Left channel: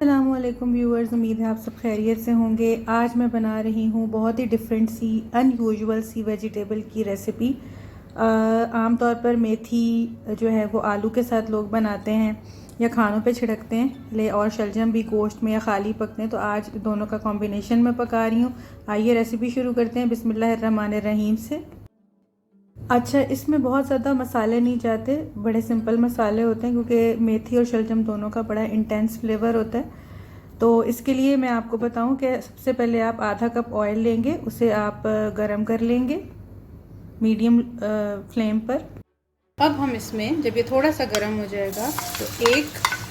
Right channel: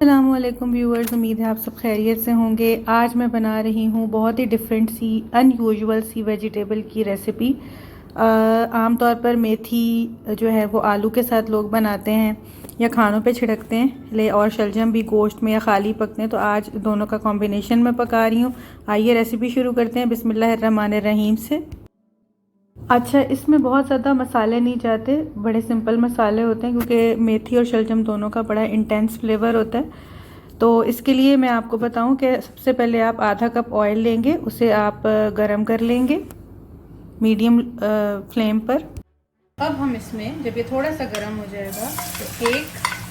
अस्सलामुअलैकुम व्यूअर्स, उम्मीद है आप सब खैरियत से होंगे। आज मैं बना रही हूँ बहुत ही डिफरेंट सी अनयूजुअल सी वेजिटेबल की रेसिपी। आमतौर पर मेथी जो है वो आलू के साथ लोग बनाते हैं या खानों पे छिड़कते हैं, और शलजम भी गोश्त में या खाली पकते हैं। तो आज दोनों का कॉम्बिनेशन मैं पका रही हूँ। आइए रेसिपी शुरू करते हैं बिस्मिल्लाहिर्रहमानिर्रहीम से। अच्छा, इसमें बहुत ज़्यादा मसाले नहीं जाते, बड़े सिंपल मसाले होते हैं क्योंकि मेथी और शलजम दोनों का बड़ा इंटेंस फ्लेवर होता है। तो इसके लिए मैं आपको बताऊं कि सबसे पहले आप आधा कप ऑयल लेंगे, उसे आप गरम कर लेंगे मीडियम फ्लेम पर। अब हम इसमें जब ये थोड़ा सा गरम हो जाएगा तो एक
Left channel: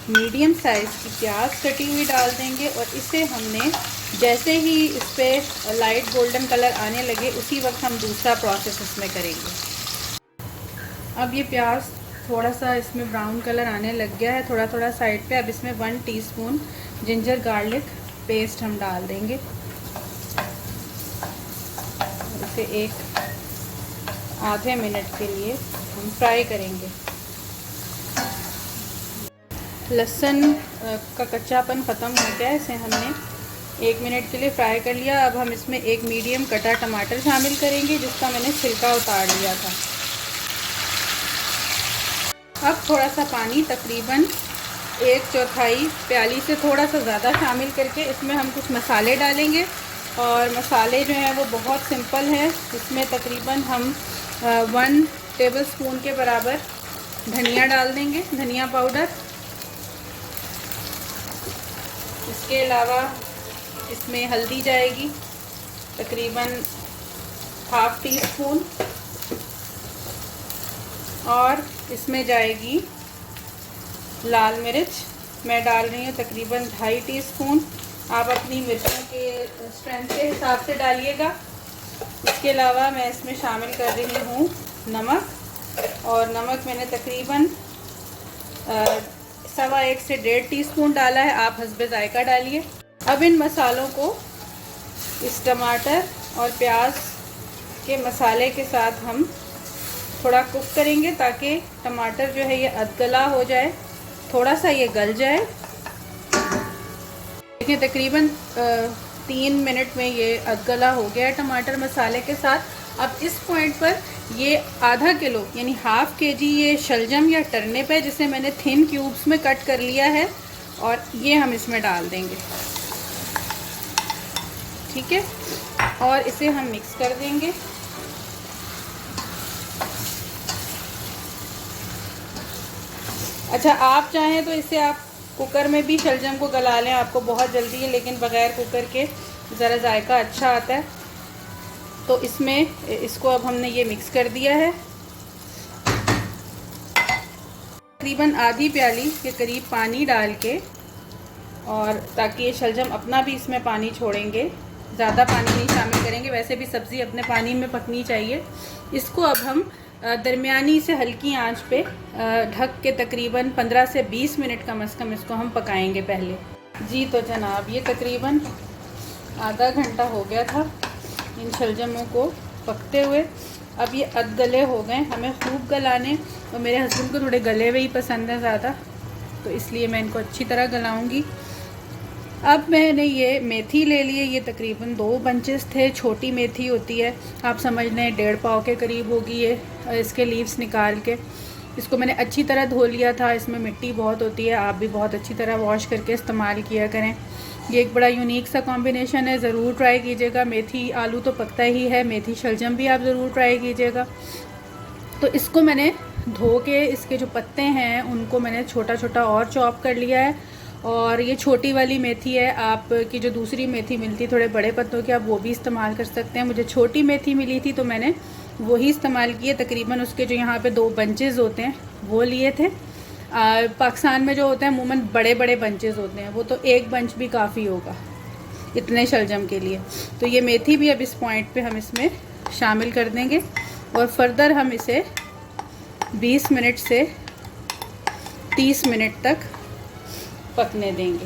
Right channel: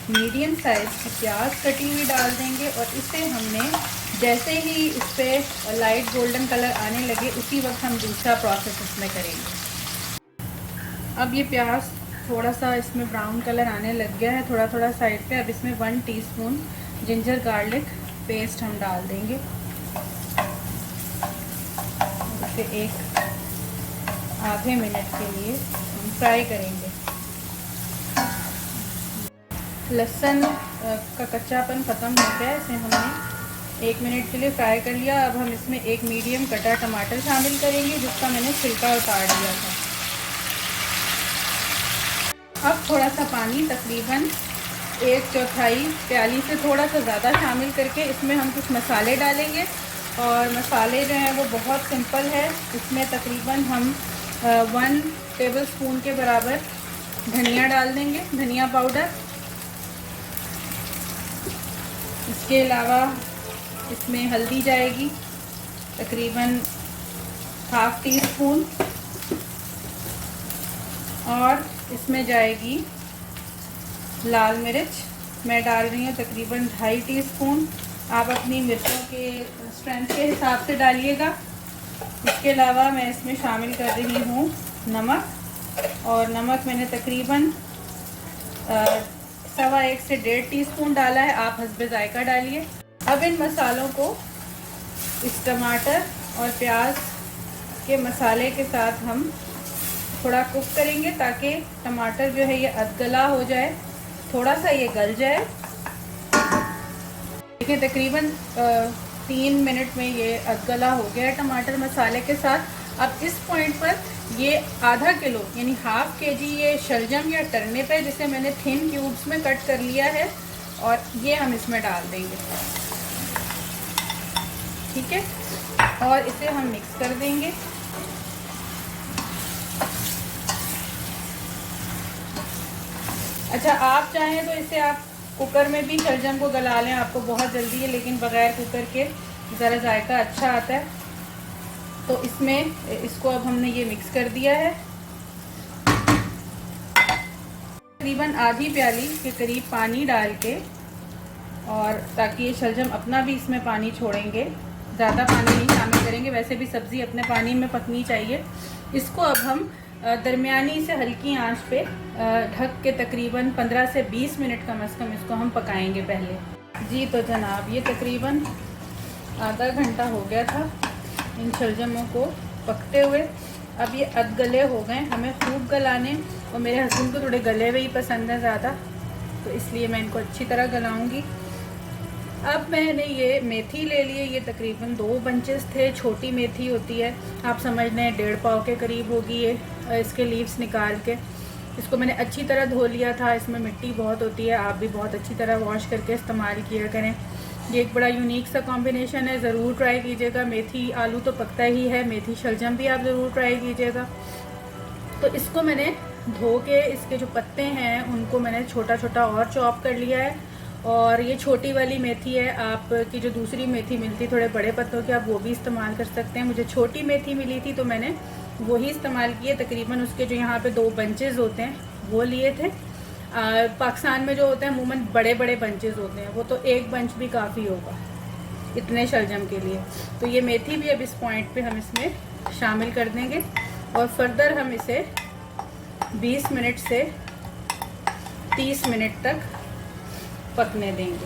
मीडियम साइज की प्याज कटी हुई डाल देंगे, और इसे हमने जैसे ही इस पर लाइट गोल्डन कलर आने लगे उसी वक्त हम दूसरा प्रोसेस इसमें करेंगे। अब ये प्याज थोड़ा सा इसमें ब्राउन कलर आने लग गया है थोड़ा थोड़ा साइड पे। अब इसमें 1 टीस्पून जिंजर गार्लिक पेस्ट हम डाल देंगे, इसे एक आधे मिनट के लिए हम फ्राई करेंगे। लहसुन का कच्चापन ख़त्म हो गया, इसे हमने 1 मिनट के लिए फ्राई कर लिया। अब हम इसमें एक मीडियम कटा टमाटर शामिल करेंगे जिसका मैंने छिलका उतार लिया था। अब थोड़ा सा पानी, तकरीबन 1/4 प्याली से थोड़ा सा ज़्यादा शामिल करके इसमें हम कुछ मसाले डालेंगे। और मसाले जो हैं वो बहुत सिंपल है। इसमें तकरीबन हम 1 टेबलस्पून के बराबर धनिया डाल देंगे, धनिया पाउडर। इसके अलावा इसमें हल्दी जाएगी तकरीबन 1/2 टीस्पून, और इसमें जाएगी लाल मिर्च, मैं डाल रही हूँ तकरीबन 2.5 टीस्पून। आप अपनी मिर्ची के स्ट्रेंथ के हिसाब से डालिएगा। इसके अलावा मैं इसमें शामिल कर रही हूँ नमक, और नमक मैंने तकरीबन 1.25 से 1.5 टीस्पून डाला है, आप हस्बे जायका डालिए। अब इन मसालों को इस टमाटर और प्याज के मसाले के साथ हम थोड़ा कुक करेंगे ताकि टमाटर जो है ये अधगला हो जाए, थोड़ा सा ये गल जाए। देखिए तकरीबन 3 मिनट में ये अधगला हो गया है टमाटर मसाले के साथ। अब इस पॉइंट पर ये आधा किलो यानी 1/2 kg ये शलजम या टर्निप है जिसे मैंने थिन क्यूब्स में कट कर लिया है, और ये हम इसमें डाल देंगे। ठीक है, और इसे हम मिक्स कर देंगे। अच्छा, आप चाहें तो इसे आप कुकर में भी शलजम को गला लें, आपको बहुत जल्दी है, लेकिन बगैर कुकर के ज़रा जायका अच्छा आता है। तो इसमें इसको अब हमने ये मिक्स कर दिया है। तकरीबन आधी प्याली के करीब पानी डाल के, और ताकि ये शलजम अपना भी इसमें पानी छोड़ेंगे, ज़्यादा पानी नहीं शामिल करेंगे, वैसे भी सब्ज़ी अपने पानी में पकनी चाहिए। इसको अब हम दरमियानी से हल्की आंच पे ढक के तकरीबन 15 से 20 मिनट कम से कम इसको हम पकाएंगे पहले। जी तो जनाब, ये तकरीबन आधा घंटा हो गया था इन शलजमों को पकते हुए। अब ये अधगले हो गए, हमें खूब गलाने, और मेरे हस्बैंड को थोड़े गले हुए ही पसंद है ज़्यादा, तो इसलिए मैं इनको अच्छी तरह गलाऊंगी। अब मैंने ये मेथी ले लिए, ये तकरीबन 2 बंचेस थे, छोटी मेथी होती है, आप समझ लें 1.5 पाव के करीब होगी ये। इसके लीव्स निकाल के इसको मैंने अच्छी तरह धो लिया था, इसमें मिट्टी बहुत होती है, आप भी बहुत अच्छी तरह वॉश करके इस्तेमाल किया करें। ये एक बड़ा यूनिक सा कॉम्बिनेशन है, ज़रूर ट्राई कीजिएगा। मेथी आलू तो पकता ही है, मेथी शलजम भी आप ज़रूर ट्राई कीजिएगा। तो इसको मैंने धो के इसके जो पत्ते हैं उनको मैंने छोटा छोटा और चॉप कर लिया है। और ये छोटी वाली मेथी है, आपकी जो दूसरी मेथी मिलती है थोड़े बड़े पत्तों की, आप वो भी इस्तेमाल कर सकते हैं। मुझे छोटी मेथी मिली थी तो मैंने वही इस्तेमाल किए। तकरीबन उसके जो यहाँ पे 2 बंचेस होते हैं वो लिए थे। पाकिस्तान में जो होते हैं अमूमन बड़े बड़े बंचेस होते हैं, वो तो एक बंच भी काफ़ी होगा इतने शलजम के लिए। तो ये मेथी भी अब इस पॉइंट पे हम इसमें शामिल कर देंगे, और फर्दर हम इसे 20 मिनट से 30 मिनट तक पकने देंगे।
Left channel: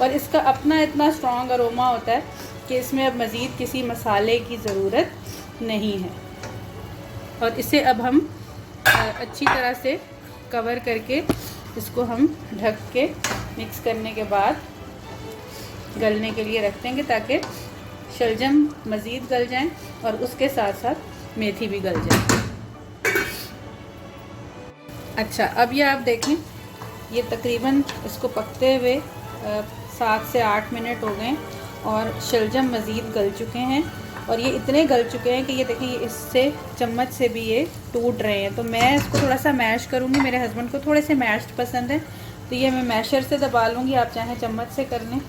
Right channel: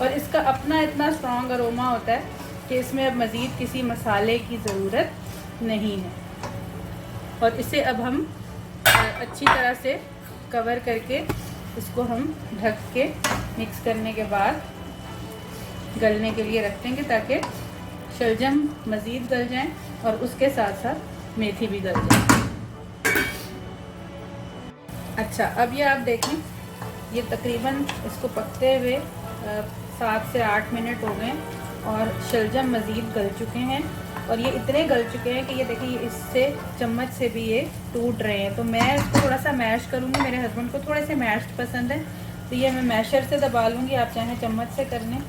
पर इसका अपना इतना स्ट्रॉन्ग अरोमा होता है कि इसमें अब मज़ीद किसी मसाले की ज़रूरत नहीं है। और इसे अब हम अच्छी तरह से कवर करके इसको हम ढक के मिक्स करने के बाद गलने के लिए रख देंगे, ताकि शलजम मज़ीद गल जाएं और उसके साथ साथ मेथी भी गल जाए। अच्छा, अब ये आप देखें, ये तकरीबन इसको पकते हुए 7 से 8 मिनट हो गए और शलजम मज़ीद गल चुके हैं और ये इतने गल चुके हैं कि ये देखिए, ये इससे चम्मच से भी ये टूट रहे हैं। तो मैं इसको थोड़ा सा मैश करूँगी, मेरे हस्बैंड को थोड़े से मैश्ड पसंद है, तो ये मैं मैशर से दबा लूँगी, आप चाहें चम्मच से कर लें।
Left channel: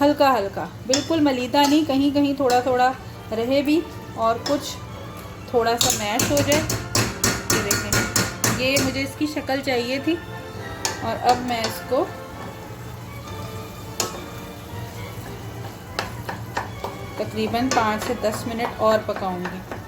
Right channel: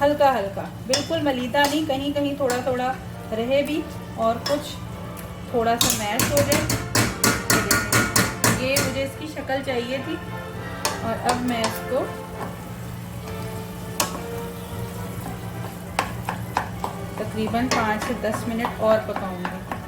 हल्का हल्का, बिल्कुल मलीदा नहीं, कहीं कहीं थोड़ा थोड़ा रहे भी और कुछ थोड़ा सा मैश हो जाए। ये मुझे इसकी शक्ल चाहिए थी और अब मैं इसको तकरीबन 5 से 10 मिनट और पकाऊंगी।